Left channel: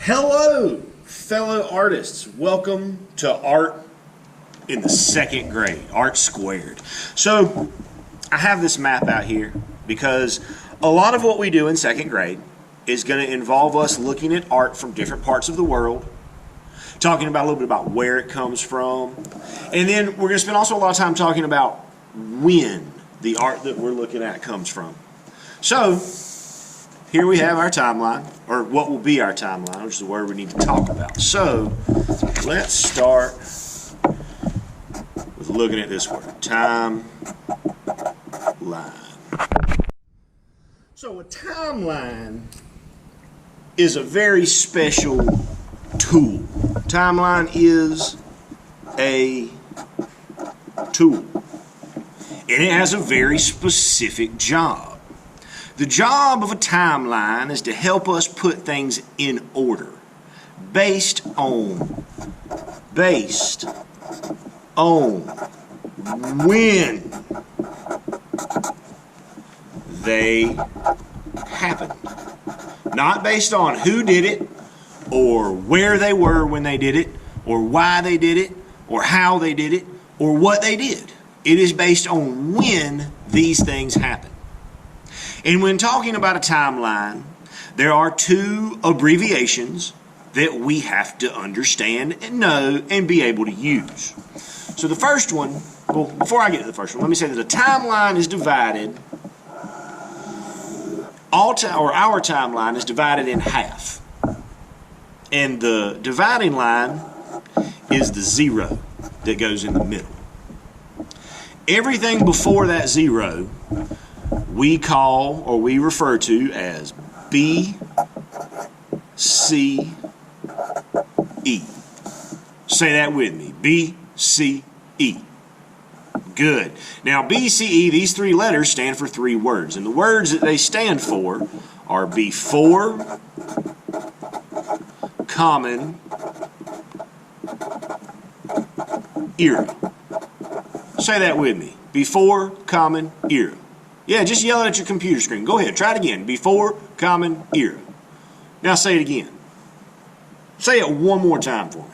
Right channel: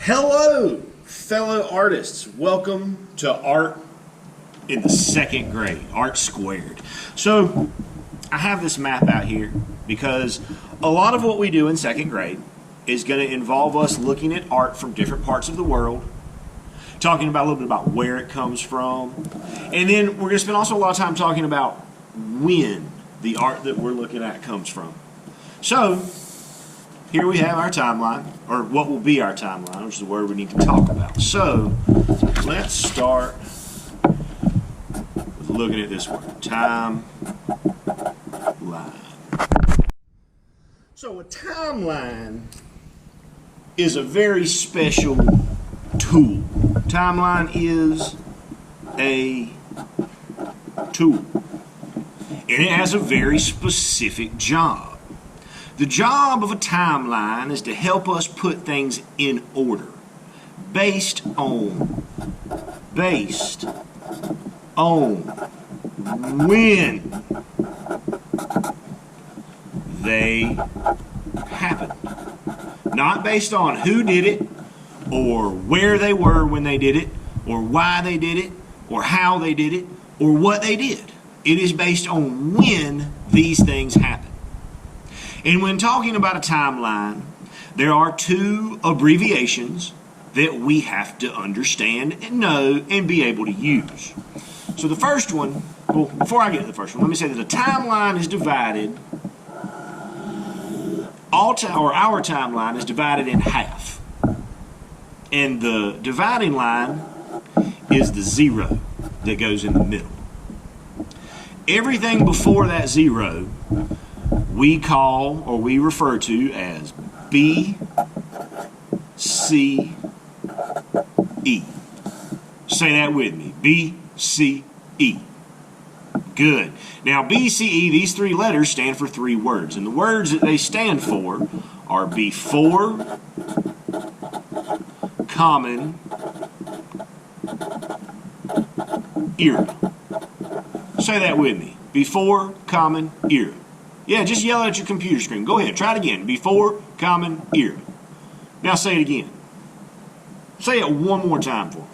Hello, fellow artists. Welcome to Art in the Second Grade, Art Squared. So, I have this map out here because a lot of what we do in second grade is going to involve us looking at art from different parts of the world, talking about a little bit about where it comes from, and then we're going to spend also a lot of time talking about when the art that we're looking at comes from. So, here we have our timeline, or what will be our timeline, which is the word we need to talk about. So, let's start with looking at this word, timeline. So, a timeline is a very special tool. Timeline is a tool, and it has a very specific job. The job of a timeline is to help us put things in order based on when they happened. Not based on who did it or where they were when they did it or why they did it or how they did it or what they did. It is based on when these things happen. And when talking about a timeline, there are two abbreviations that we have to understand and know and be able to use. So the first one, well, before I get to the first one, let me say that a timeline is divided, our timeline is divided in half. And the dividing line is the zero that goes in the middle. Everything before that zero we call or we refer to as B, C, E. Say that with me. B, C, E. Good. Now, B, C, E, these three letters stand for three words. And the words that they stand for are before, common, era. Say that with me. Before, common, era. Yeah, just yell it at your computer screen. Go ahead, try it again. Before, common, era. Now say it again. Say it one more time for me.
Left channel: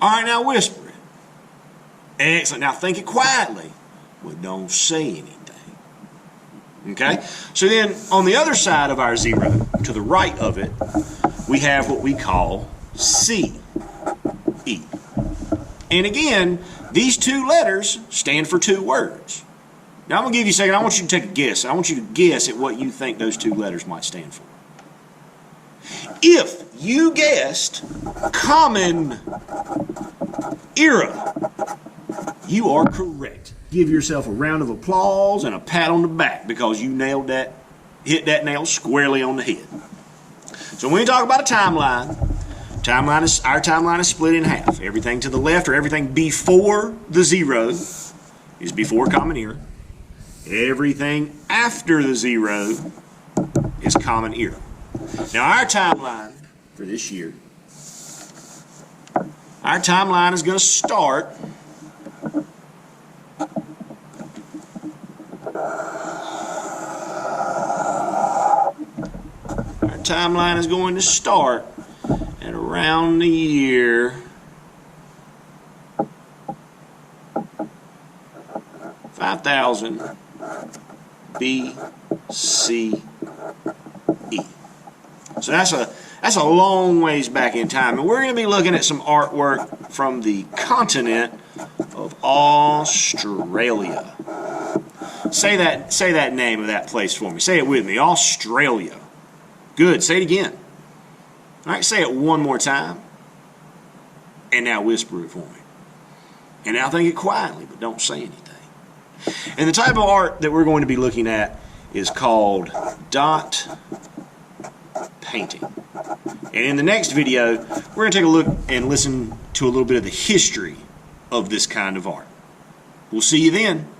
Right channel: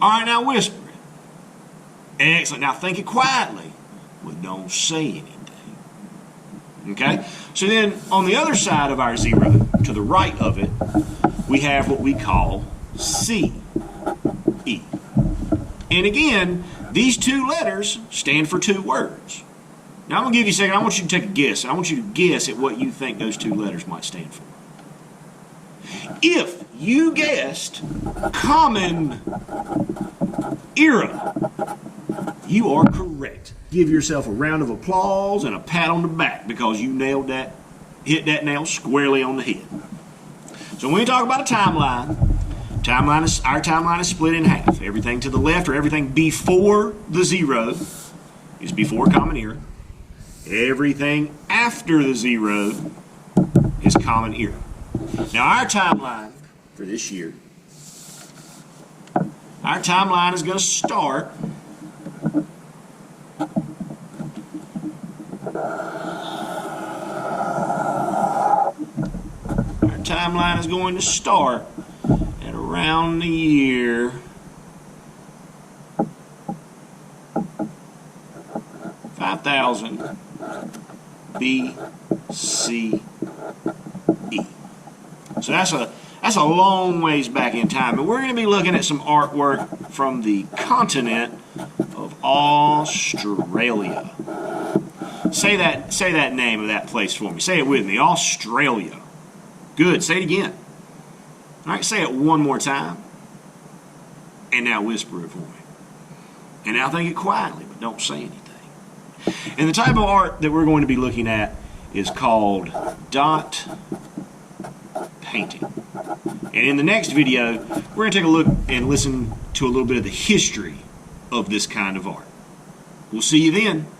All right, now whisper it. Excellent. Now think it quietly, but don't say anything. Okay? So then on the other side of our zero, to the right of it, we have what we call C, E. And again, these two letters stand for two words. Now, I'm going to give you a second. I want you to take a guess. I want you to guess at what you think those two letters might stand for. If you guessed common era, you are correct. Give yourself a round of applause and a pat on the back because you nailed that, hit that nail squarely on the head. So when we talk about a timeline, our timeline is split in half. Everything to the left or everything before the zero is before common era. Everything after the zero is common era. Now our timeline for this year, our timeline is going to start at around the year 5000 BCE. So that's a long ways back in time, and we're going to be looking at some artwork from the continent of Australia. Say that name of that place for me. Say it with me. Australia. Good. Say it again. All right. Say it one more time. And now whisper it for me. And now think it quietly, but don't say anything. And the type of art that we're going to be looking at is called dot painting. And in the next video, we're going to take a look and listen to a little bit of the history of this kind of art. We'll see you then.